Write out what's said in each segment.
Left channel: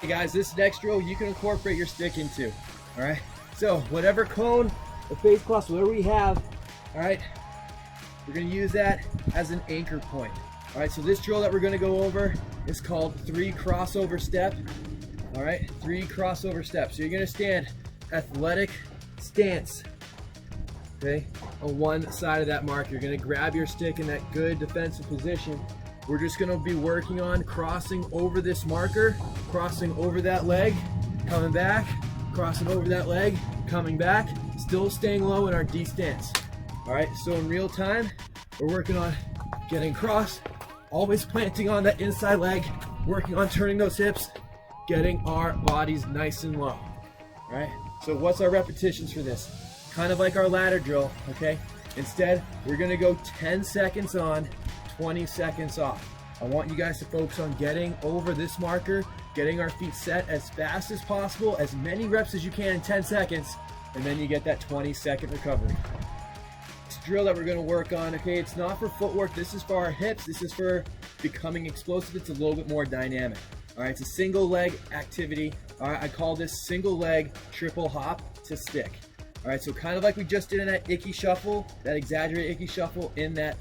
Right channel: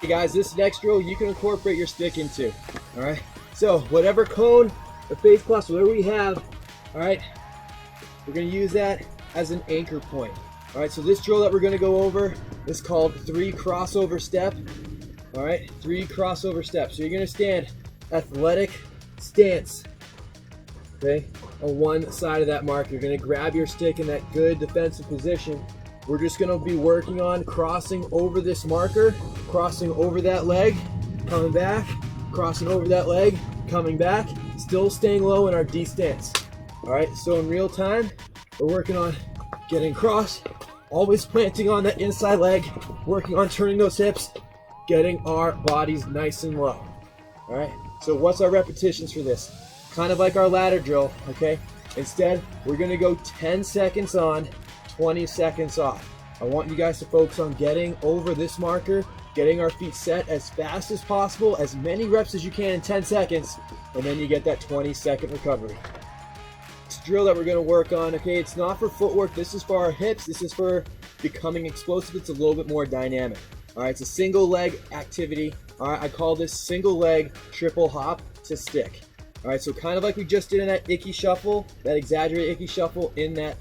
Hey guys, this next drill you can incorporate your stick into. All right, so whatever cone or face plus, whatever we have, all right, we're gonna use that as an anchor point. All right, so this drill that we're gonna go over is called 3 crossover step. All right, 3 crossover steps. So you're gonna stand athletic stance, okay, on one side of that mark. You're gonna grab your stick in that good defensive position. We're just gonna be working on crossing over this marker, crossing over that leg, coming back, crossing over that leg, coming back, still staying low in our D stance. All right, so in real time, we're working on getting across, always planting on that inside leg, working on turning those hips, getting our bodies nice and low. All right, so what's our repetitions for this? Kind of like our ladder drill, okay? Instead, we're gonna go 10 seconds on, 20 seconds off. I want you guys to focus on getting over this marker, getting our feet set as fast as possible, as many reps as you can in 10 seconds, and then you get that 20-second recovery. This drill that we're gonna work on, okay, it's not for footwork, this is for our hips, this is for becoming explosive, it's a little bit more dynamic. All right, it's a single leg activity. All right, I call this single leg triple hop to stick. All right, so kind of like we just did in that icky shuffle, that exaggerated icky shuffle in that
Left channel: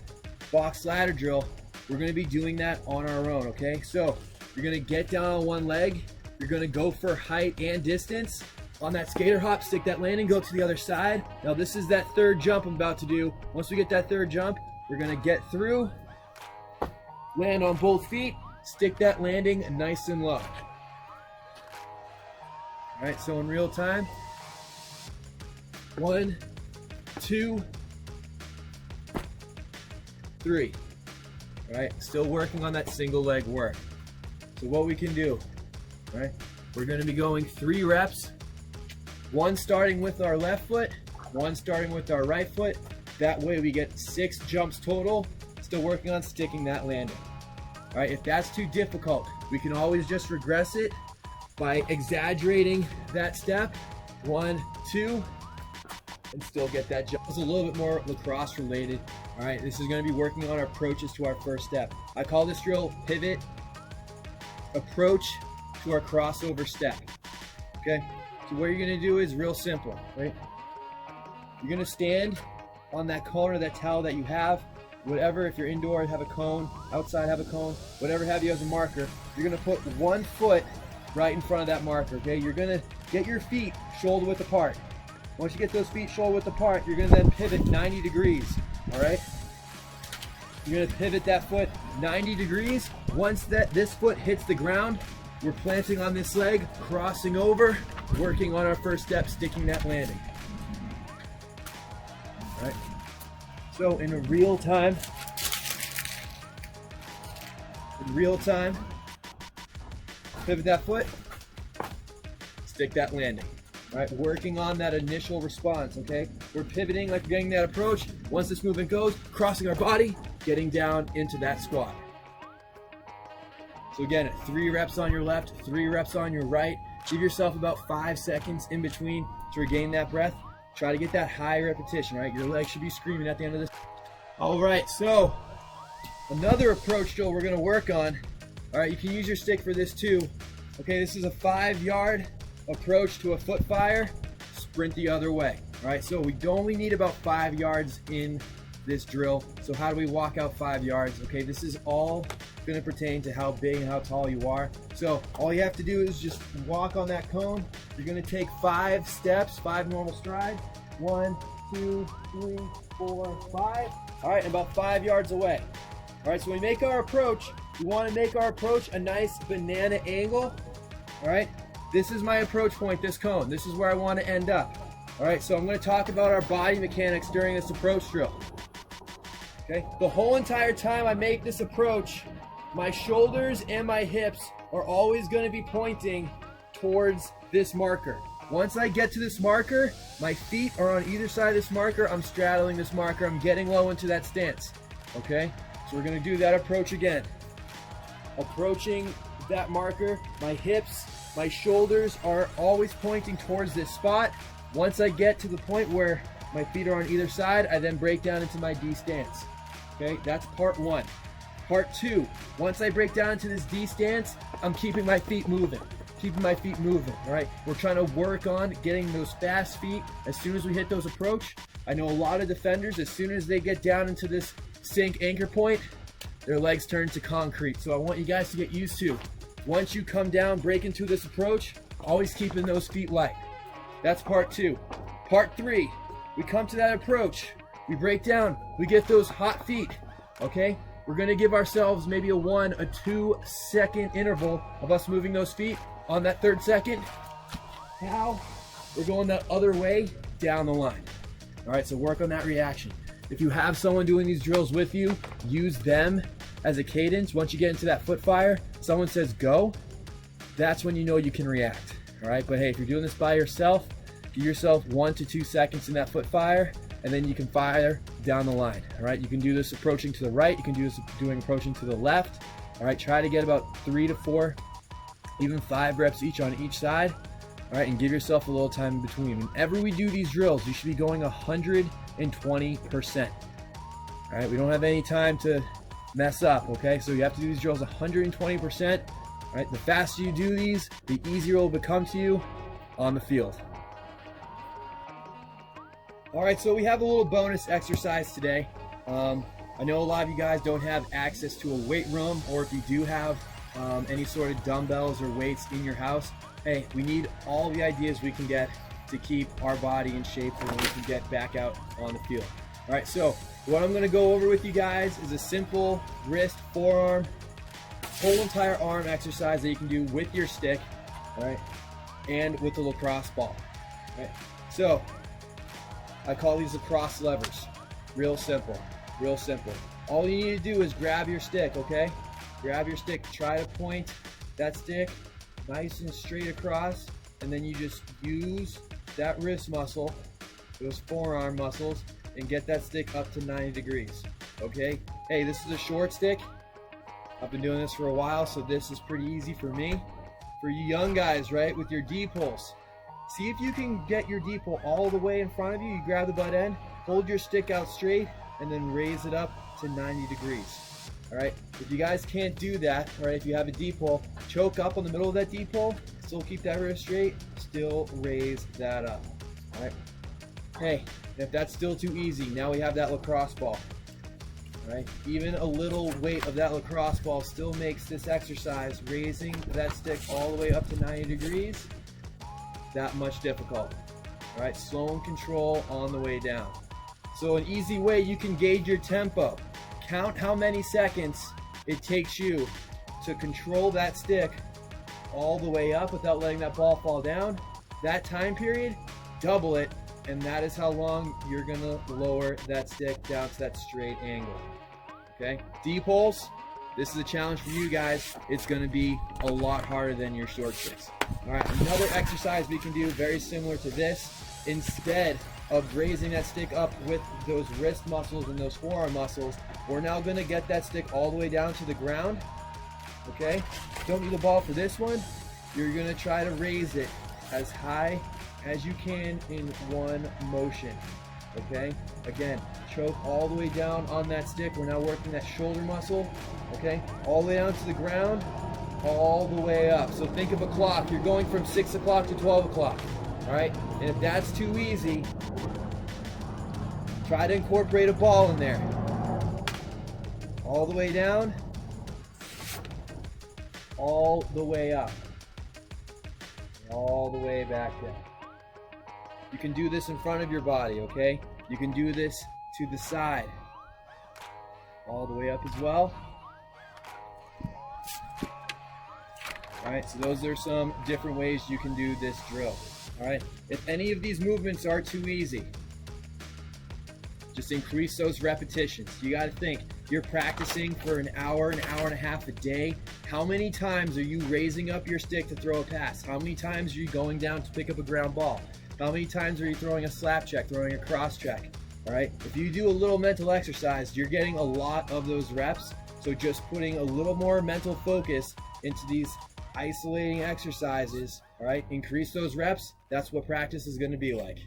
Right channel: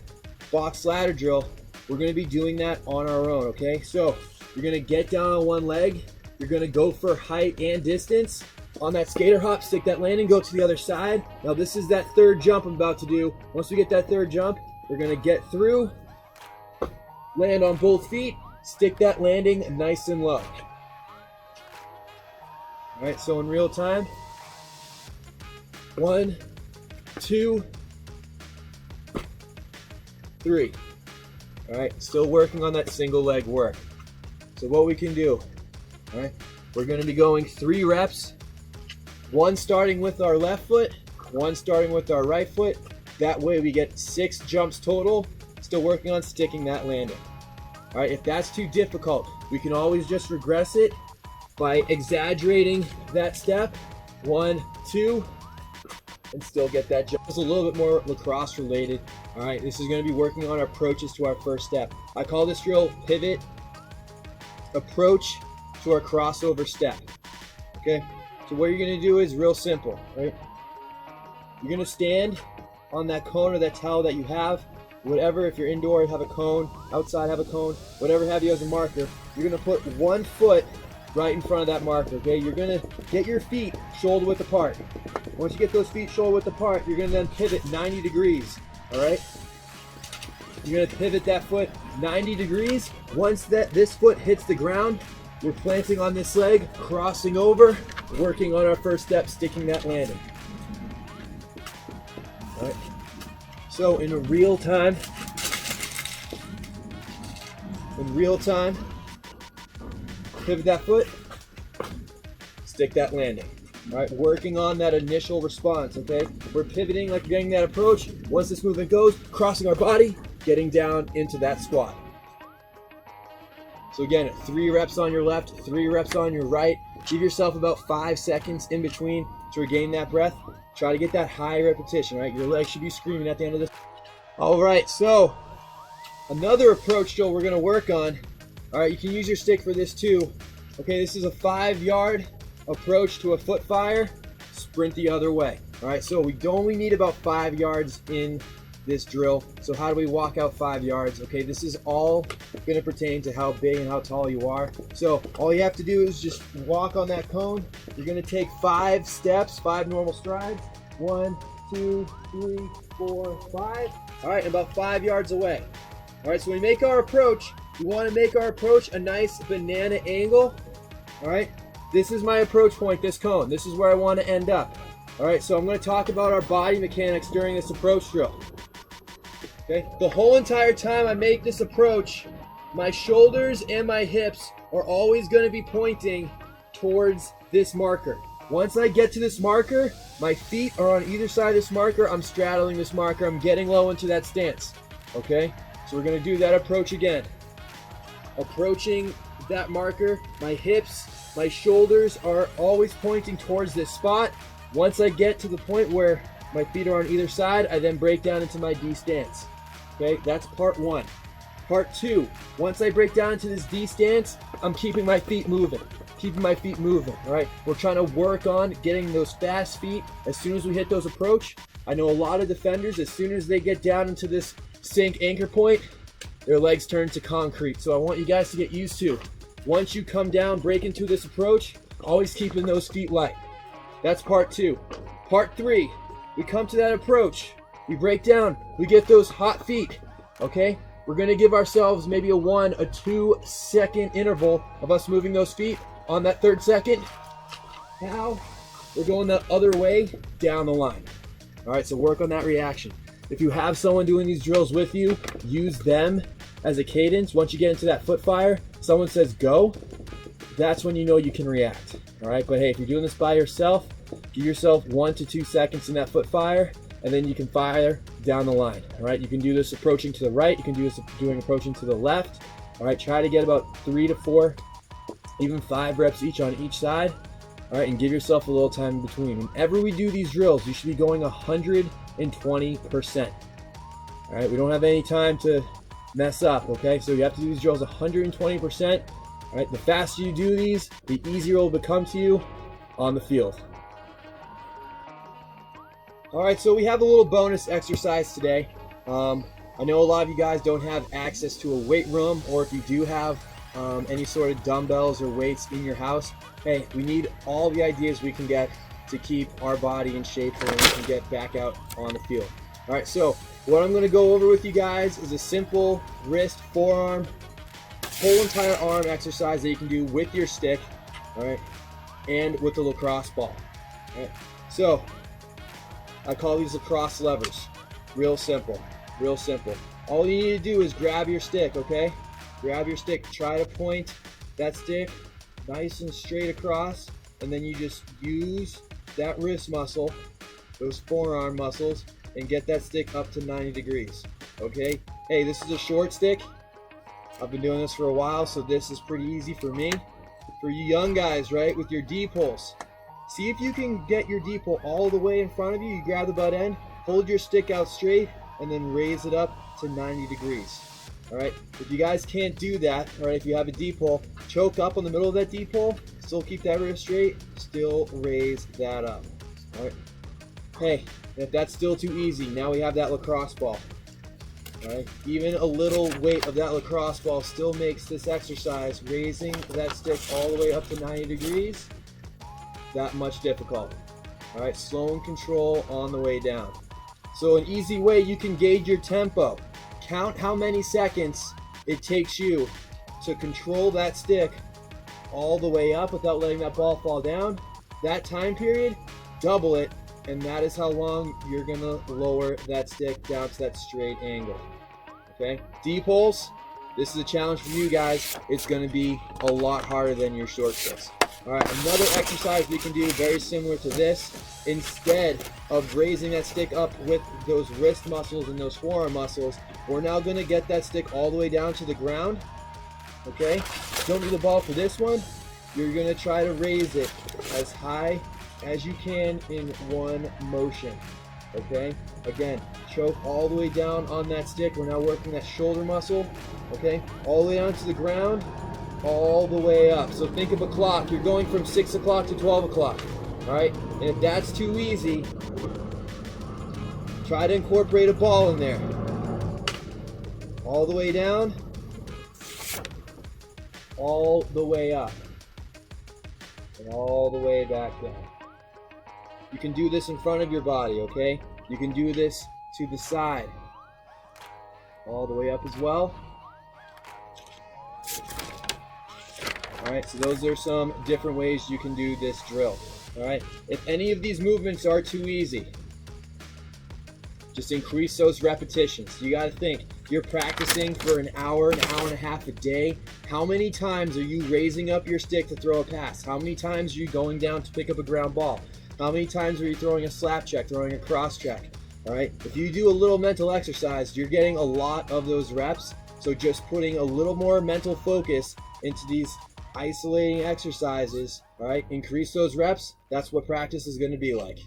box ladder drill, we're gonna be doing that on our own, okay? So you're gonna get down on one leg, you're gonna go for height and distance. On that skater hop, stick that landing, go to the other side. Now this is that third jump I'm about to do. Once we get that third jump, we're gonna get through, land on both feet, stick that landing nice and low. All right, so in real time, 1, 2, 3. All right, still working on that single leg work. So what we can do, all right, we're gonna be going 3 reps, 1 starting with our left foot, 1 starting with our right foot. That way we get 6 jumps total, still working on sticking that landing. All right, if that's too difficult, we can always just regress it by exaggerating that step, 1, 2, and still get that jump. It's a little bit more lacrosse related. All right, this is gonna be working on our approaches to our first step. I call this drill pivot approach to our crossover step, okay? So what you're gonna do is real simple, right? You're gonna stand on that cone or that towel that you have, whatever, if you're indoor, have a cone, outside have a cone, whatever have you as a marker. You're gonna put 1 foot right in front of that marker, okay? You're gonna get your feet shoulder width apart. Once you get those feet shoulder width apart, you're gonna then pivot 90 degrees, all right? You're gonna pivot that foot 90 degrees. Once this foot hits the ground, we're planting on this leg, crossing over, working on our first step, sticking that landing. All right? So in real time, pivot that foot, stick that landing. All right, working on that initial response, okay? We're pivoting like we're getting that approach. Once this movement goes, crossing our body, getting down into that squat. So again, 3 reps on your left, 3 reps on your right. Give yourself about 5 seconds in between to regain that breath. Try to get that high repetition, right? Your legs should be screaming at the end of this. All right, so another approach drill we're gonna work on. All right, you can use your stick for this too. Okay, this is a 5-yard approach to a foot fire, sprint the other way. All right, so we only need about 5 yards in this drill. So how do we walk out 5 yards? Okay, this is all gonna pertain to how big and how tall you are. So all you have to do is just walk on that cone. You're gonna take 5 steps, 5 normal strides. 1, 2, 3, 4, 5. All right, and about 5 yards away. All right, so we make our approach. We wanna make our approach a nice banana angle. All right, this is my approach point, this cone. This is where I wanna end up. All right, so I'm gonna talk about our body mechanics during this approach drill. Okay, the whole entire time I make this approach, my shoulders and my hips are always gonna be pointing towards this marker. Once I get to this marker, my feet are on either side of this marker, I'm straddling this marker, I'm getting low into that stance, okay? So we're gonna do that approach again. Approaching that marker, my hips, my shoulders are always pointing towards this spot. Once I get to the point where my feet are on either side, I then break down into my D stance. Okay, that's part 1. Part 2, once I break down into this D stance, I'm keeping my feet moving. keeping my feet moving, all right? We're trying to work on getting those fast feet as soon as we hit those approach. I know a lot of defenders, as soon as they get down into this sink anchor point, their legs turn to concrete. So I want you guys to get used to, once you come down, break into this approach, always keeping those feet light. That's part 2. Part 3, we come to that approach, we break down, we get those hot feet, okay? We're gonna give ourselves maybe a 1 or 2 second interval of us moving those feet. On that 3rd second, now we're going the other way down the line. All right, so work on that reaction. If you have someone doing these drills with you, use them as a cadence. Once you get into that foot fire, someone says go, that's when you know you can react. All right, but hey, if you're doing this by yourself, give yourself 1 to 2 seconds in that foot fire, and then you can fire down the line. All right, you can do this approaching to the right, you can do this approaching to the left. All right, try to get about 3 to 4, even 5 reps each on each side. All right, and give yourself a little time in between. Whenever we do these drills, you should be going 120%. All right, we don't have any time to mess up, okay? So you have to do these drills 120%. All right, the faster you do these, the easier it will become to you on the field. All right, so we have a little bonus exercise today. I know a lot of you guys don't have access to a weight room, or if you do have any sort of dumbbells or weights in your house, hey, we need all the ideas we can get to keep our body in shape so that we can get back out on the field. All right, so what I'm gonna go over with you guys is a simple wrist, forearm, whole entire arm exercise that you can do with your stick, all right, and with the lacrosse ball. All right, so I call these lacrosse levers. Real simple, real simple. All you need to do is grab your stick, okay? Grab your stick, try to point that stick nice and straight across, and then you just use that wrist muscle, those forearm muscles, and get that stick up to 90 degrees, okay? Hey, this is a short stick. I've been doing this for a while, so this is pretty easy for me. For you young guys, right, with your D-pulls, see if you can get your D-pull all the way in front of you. You grab the butt end, hold your stick out straight, and then raise it up to 90 degrees. All right, if you guys can't do that, all right, if you have a D-pull, choke up on the middle of that D-pull, still keep that wrist straight, still raise that up. All right, hey, if that's still too easy, now we have that lacrosse ball. All right, even a little weight of that lacrosse ball still makes this exercise, raising that stick all the way up to 90 degrees, that much difficult. All right, slow and control on the way down. So an easy way you can gauge your tempo. Count how many seconds it takes you to control that stick all the way up without letting that ball fall down. That time period, double it, and that is how long you're gonna lower that stick down to that straight angle. Okay, D-pulls, this is a challenge for you guys. It's gonna be a lot harder than your short sticks. All right, another exercise we can do very similar to this. Instead of raising that stick up with those wrist muscles and those forearm muscles, we're now gonna get that stick all the way down to the ground, okay? Don't do the ball for this one. You're gonna try to raise it as high as you can in one motion, okay? Again, choke all the way down on that stick. We're now working that shoulder muscle, okay? All the way down to the ground, all the way up. So think of a clock. You're going from 6 o'clock to 12 o'clock. All right, and if that's too easy, try to incorporate a ball in there. All the way down, all the way up, and all the way back down. You can do this in front of your body, okay? You can do this to the side, all the way up as well. All right, so those are some different ways you can do this drill. All right, if any of these movements are too easy, just increase those repetitions. You got to think, you're practicing for an hour and a half a day. How many times are you raising up your stick to throw a pass? How many times are you going down to pick up a ground ball? How many times are you throwing a slap check, throwing a cross check? All right, if you do a little mental exercise, you're getting a lot of those reps. So just putting a little more mental focus into these isolating exercises, all right, increase those reps. That's what practice is going to be like.